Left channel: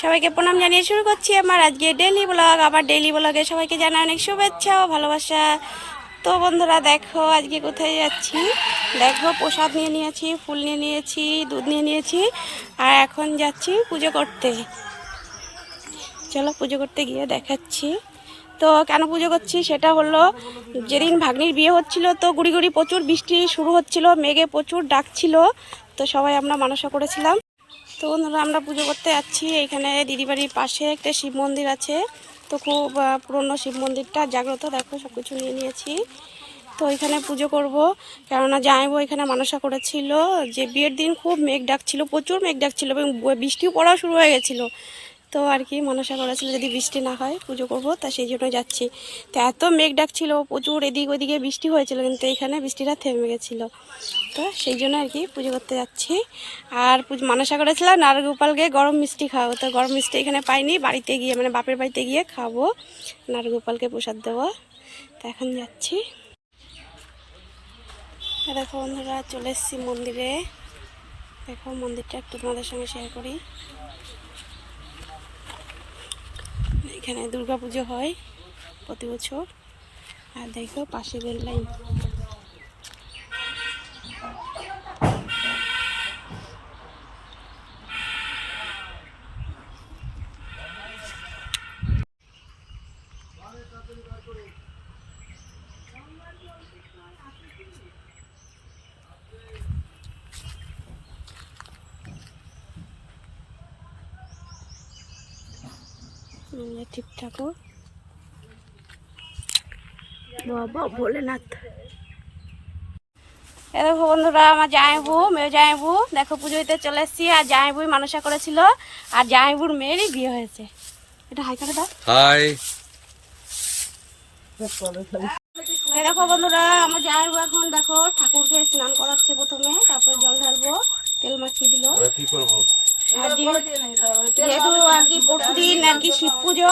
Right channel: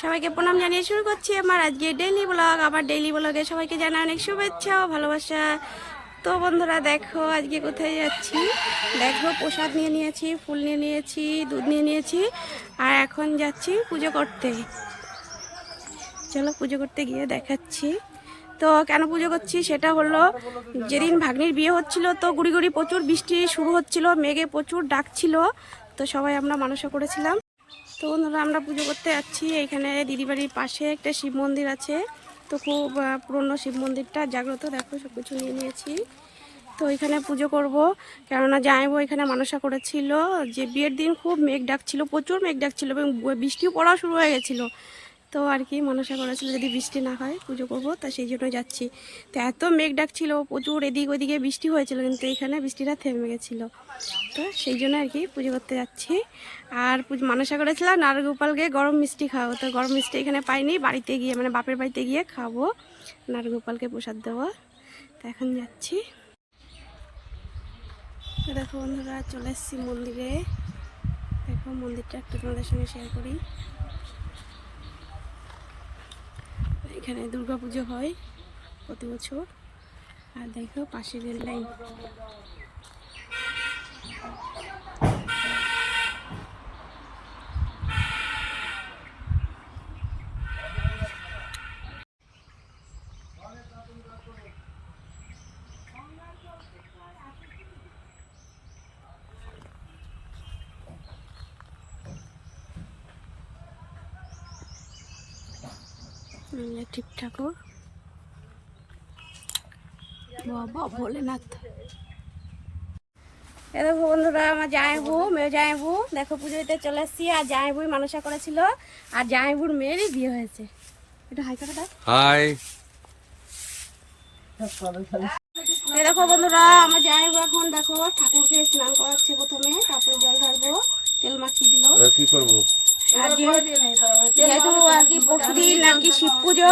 সবাইকে প্রণাম জানিয়ে শুরু করছি আমার আজকে ডেইলি ব্লগ। আমার ডেইলি ব্লগে সবাইকে জানাই অনেক শুভেচ্ছা ও ভালোবাসা। তো বন্ধুরা দেখো আজকে কোথায় যাচ্ছি, দেখো প্রসাদ নিয়ে নিয়েছি, ফুল নিয়ে নিয়েছি, দুধ নিয়ে নিয়েছি, আর এখন যাচ্ছি পুজো করতে। চলো পুজো করতে গিয়ে দেখাচ্ছি। তো কেন পুজো করছি সেটা হলো, যেদিন ভাগ্নির বিয়ে হচ্ছিল তো গুড়ি গুড়ি প্রচুর বৃষ্টি শুরু হচ্ছিল, মেঘে প্রচুর ডাকছিল, তো সবাই আমরা মানসা করেছিলাম। তো বন্ধুরা আমরা পুজো করতে যাচ্ছি। এইখানে দিদিবাড়ির পাশে একটা শিব মন্দির আছে, তো খুব পুরনো শিব মন্দিরটা জাগ্রত। দেখো সব কিছু নিয়ে নিয়েছি, তো এখানে পুজো করব। কেননা জামাইবাবু এখানে মানসা করেছিল যে বিয়ের দিন খুব মেঘ ডাকছিল, প্রচুর মেঘ ডাকছিল এবং বৃষ্টিও পড়াও শুরু হয়ে গেছিলো। তো আর কি মনসা করেছিল যদি বৃষ্টি না হয় পুজো করব, তা সেই জন্য যাচ্ছি। তো এত মেঘ ডাকছিল, প্রচুর এদিক ওদিকে বৃষ্টি হয়েছিল, কিন্তু এখানে বৃষ্টিটা থেমে গেছিলো। তো সেই জন্য আর কি পুজো করতে যাচ্ছি। আর মনসা করেছিলাম নারগোপালকে গরম মিষ্টি খাওয়াবো, তো গরম মিষ্টি এখানে পাইনি, বাড়িতে গিয়ে মানে বাপের বাড়িতে গিয়ে খাবো, নারগোপালকে প্রসাদ দেবো। তো এখন যাচ্ছি। দেখো বন্ধুরা চলে এসেছি মন্দিরে। দেখো মন্দিরটা একটু তোমাদের সঙ্গে শেয়ার করি। এখানে দুর্গা পুজো হয় প্রতি বছর। আর দেখো পাশে রেল লাইন। শিব ঠাকুর, বাবা ভোলেনাথ। এ দেখো বন্ধুরা আমার জামাইবু, মেয়ে জামাইবু, দেখো পুজো দিতে চলে এসেছি। আর জামাইবুই মানসা করেছিল, আর জামাইবুর মেয়েরই বিয়ে হয়েছে। এটা হাই করে দাও। হাই। এই দেখো বন্ধুরা আমার জামাইবু এখন দেখো ঠাকুরকে স্নান করাচ্ছে প্রথমে, তারপরে জল ঢালবো, তেল মাখিয়ে দিল। কি করবো? আর যেহেতু আর কি পরশুদিন আর কি শিব পুজো,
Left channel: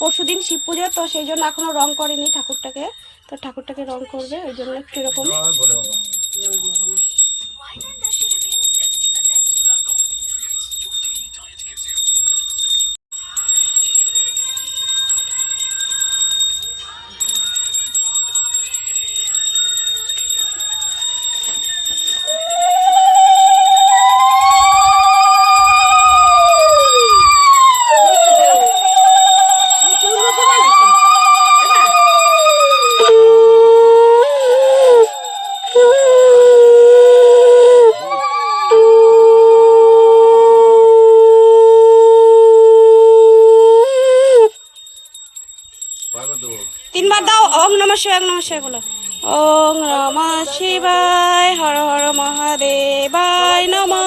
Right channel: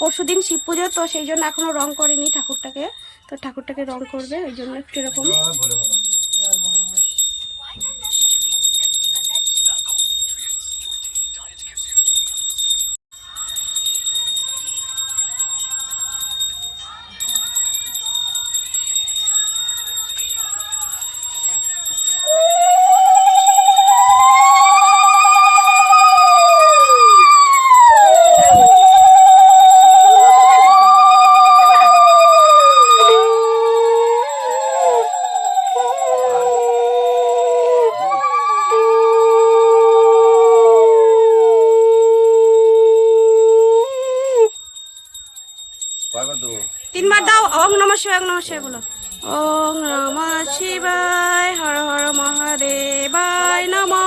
পরশুদিন শিব পুজো, তো সেই জন্য এখনো রং করেনি ঠাকুরটাকে। তো ঠাকুরটাকে রং করবে, ওই জন্য একটু এরকম। তিনবার দাও। ওং নমঃ শিবায়, ওং নমঃ শিবায় বলো। ওং নমঃ শিবায়, হর হর মহাদেবায় নমঃ।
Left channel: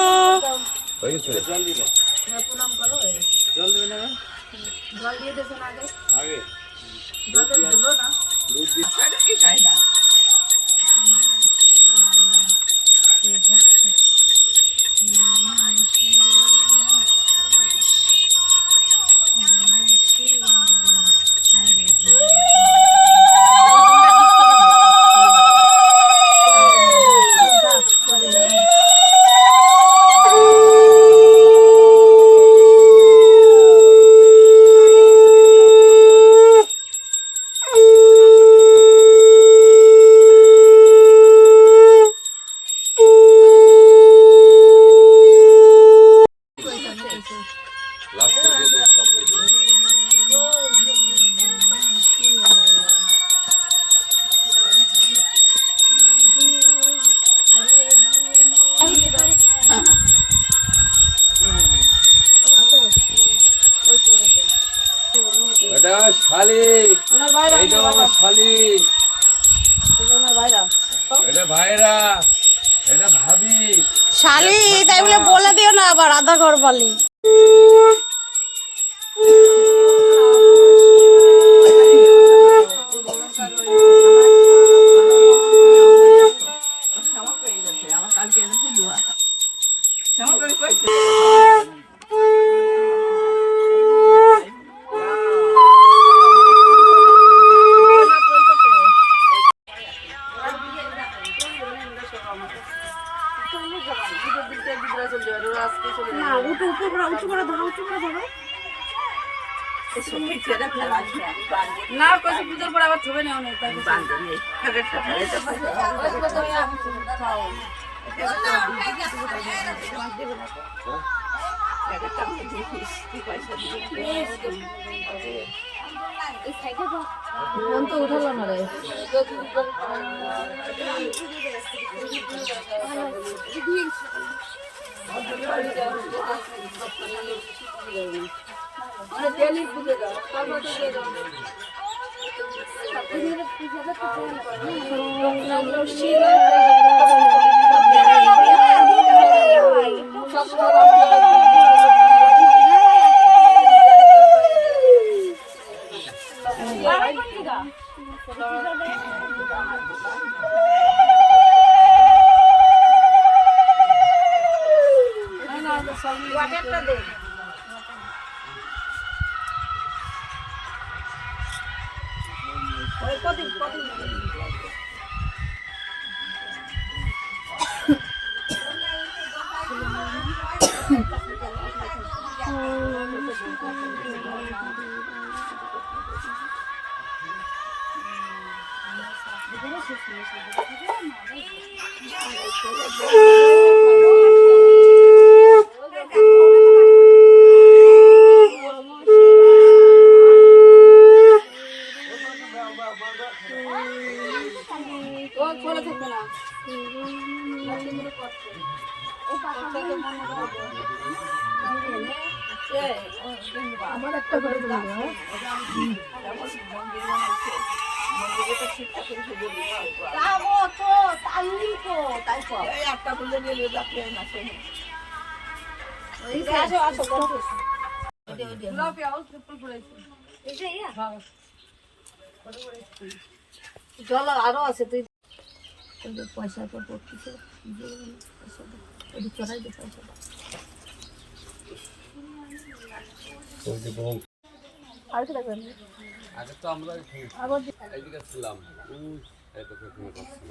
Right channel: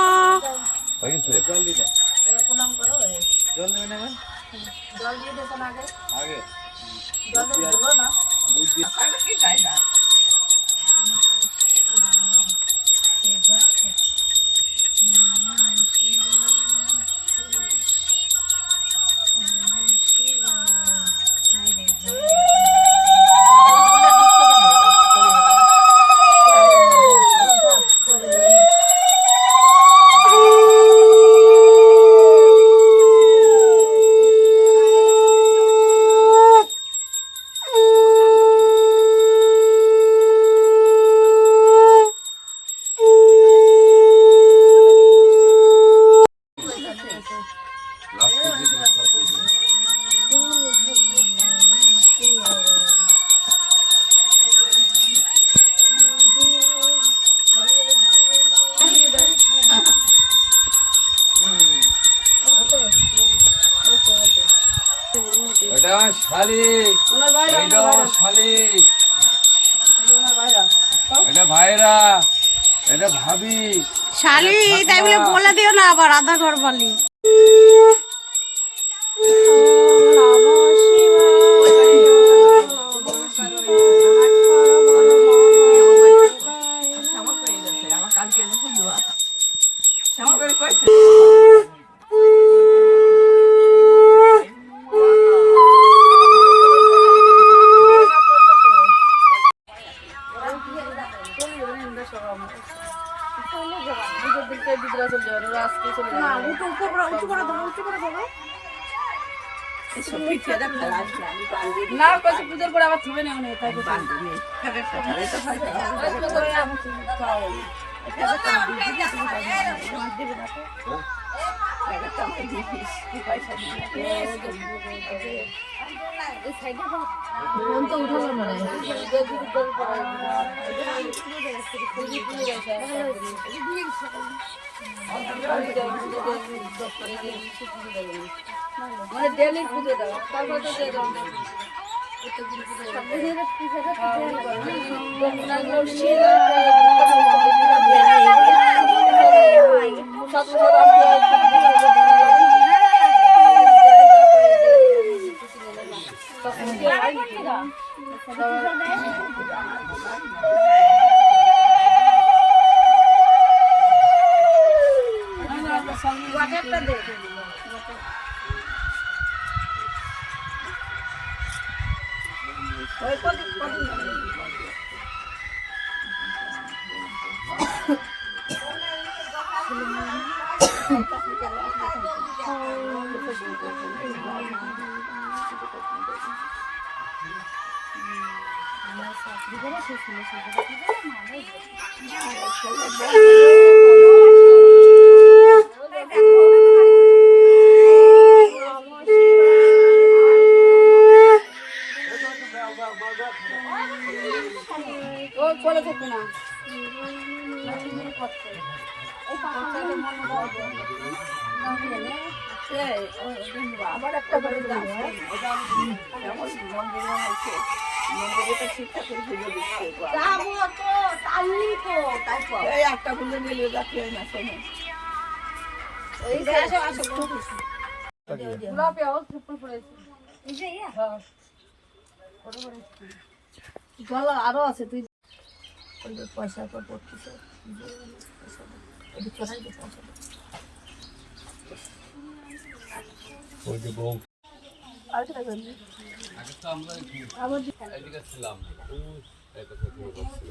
এটা শালি, এটা আমার শালি, এটা ভাইরা, এটা ভাবি শালি, তাই বলে বলে দিও না আবার আধা ঘর বালি। না উঠে উঠে করে ধরো, উঁচু করে ধরো। না কইছে পুজোর পরে আবার থবে না অনেক তাই ফোন তো উঠালো না রে মানে ডেলি পুজো দাও তারপরে তো দিয়ে দাও ওয়াটারটা দে চলে থাকবে না আমার একটা একটা খুলে নিয়ে যাচ্ছে না শোনো জল আরো আছে তুই পয়সা তো পড়তেছে চড়াই দে পয়সা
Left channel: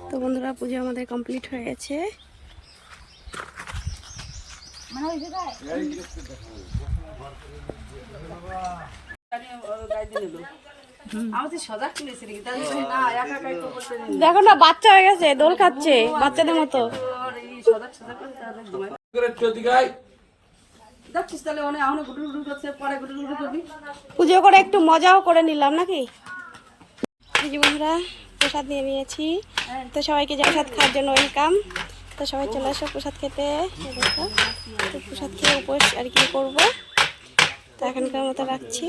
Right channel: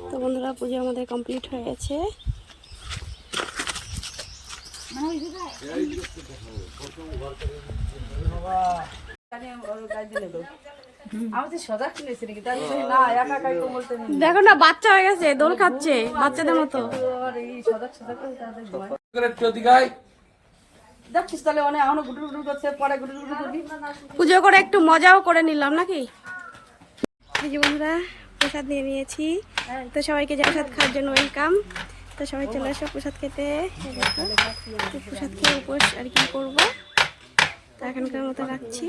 তো বন্ধুরা পুজো আমাদের কমপ্লিট হয়ে গেছে। দেখো না বাচ্চা হয়ে গেছে, দোল খাচ্ছে বাচ্চাদের মতো। পুজো করে একটু মজাও করে নিলাম নাকি। এই যে বন্ধুরা প্রসাদ নিয়ে নিয়েছি, তো সবাইকে প্রসাদ খাওয়ার জন্য ওয়েলকাম। তো সবাই চলে আসো প্রসাদ খেতে। দেখো তো প্রসাদ খেয়ে উপোস আর কি করবো, তো এখনকার মতো রাখছি।